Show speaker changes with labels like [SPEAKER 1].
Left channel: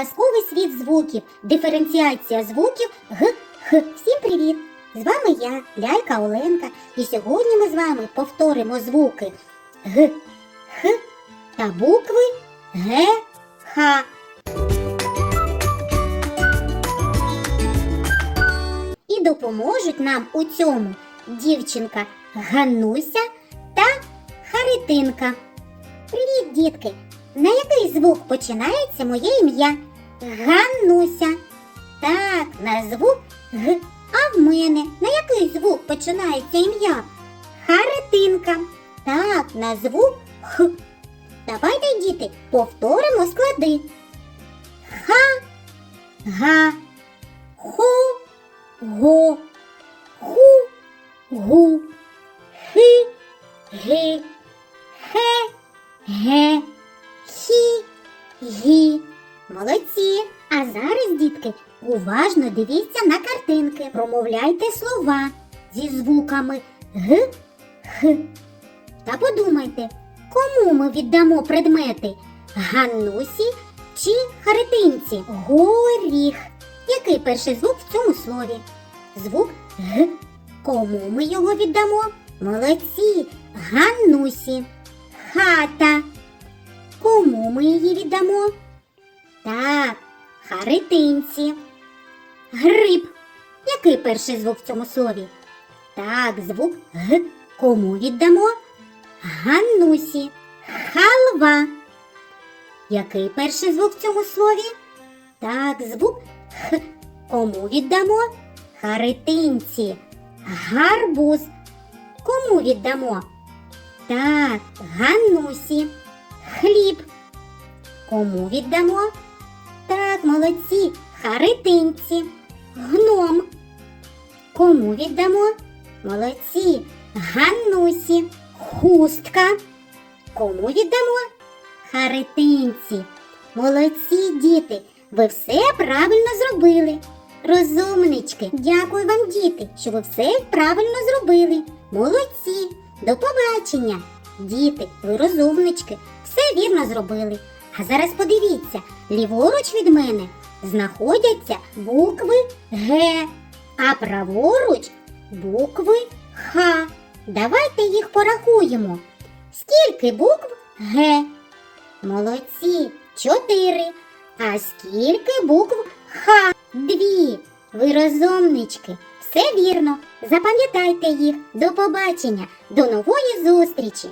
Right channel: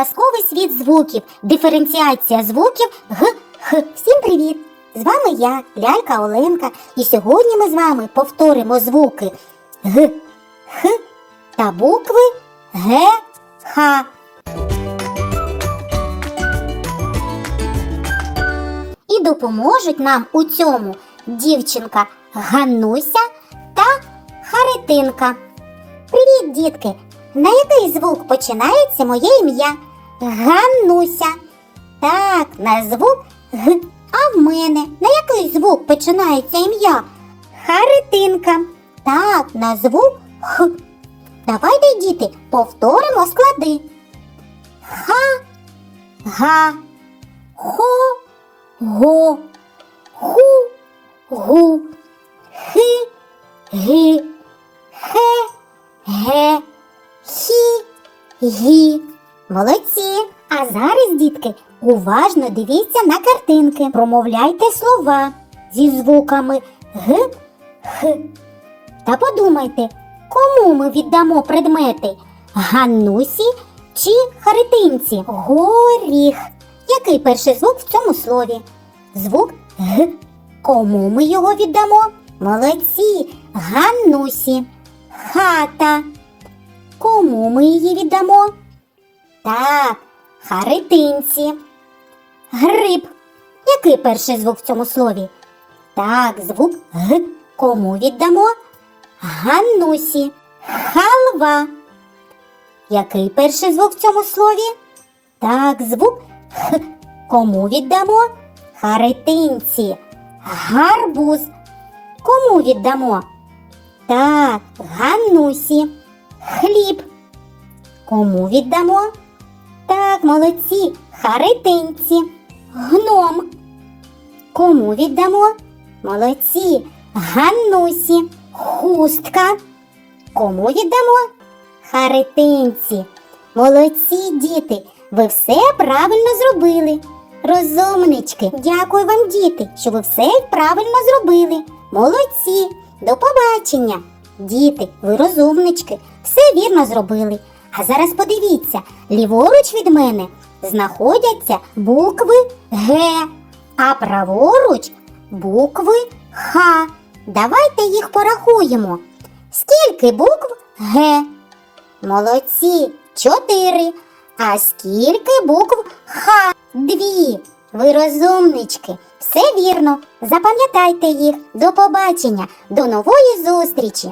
[SPEAKER 1] казковий світ звуків, диференціація звуків г, х. Всім привіт! З вами я, лялька Оленка, і сьогодні ми з вами повторимо звуки г, х та букви г, х. І допоможуть нам у цьому дівчинка Ганнуся та Харитинка. Привіт, дітки! На який звук починається моє ім'я? Ганнуся. Так, на звук Г. А в мене на який звук починається ім'я? Харитинка. Так, на звук Х. Давайте, діти, повторимо склади. Ха, га, ху, го, ху, гу, хи, ги, хе, ге, хі, гі. Молодці. А зараз, дітки, уважно дивіться на картинки. Промовляйте слова зі звуками г, х. Та подумайте, кому ми віддамо предмети? Ганнусі чи Харитинці? Горіх. Який перший звук в цьому слові? Звук г. Кому ми його віддамо? Молодці. Ганнусі. Хата. Кому ми її віддамо? Так, Харитинці. Гриб. Який перший звук в цьому слові? Так, звук Г. Кому віддамо? Ганнусі. Халва. Який перший звук в цьому слові? Так, звук Х. Кому віддамо? Харитинці. Гарбуз. Кому віддамо? Так, Ганнусі. Хліб. Кому віддамо? Так, молодці, Харитинці. Гном. Кому віддамо? Молодці, Ганнусі. Хустка. Кому віддамо? Харитинці. Молодці, діти, ви все правильно зробили. Розумнички, дякую вам, діти, що ви все правильно зробили. Молодці, до побачення. Діти, ви розумнички, все вірно зробили. А зараз подивіться, ліворуч від мене знаходяться букви Г, а праворуч букви Х. Давайте їх порахуємо. Скільки букв Г? Молодці, чотири. А скільки букв Х? Дві. Ви розумнички. Все вірно. Запам'ятайте їх. До побачення, до нової зустрічі.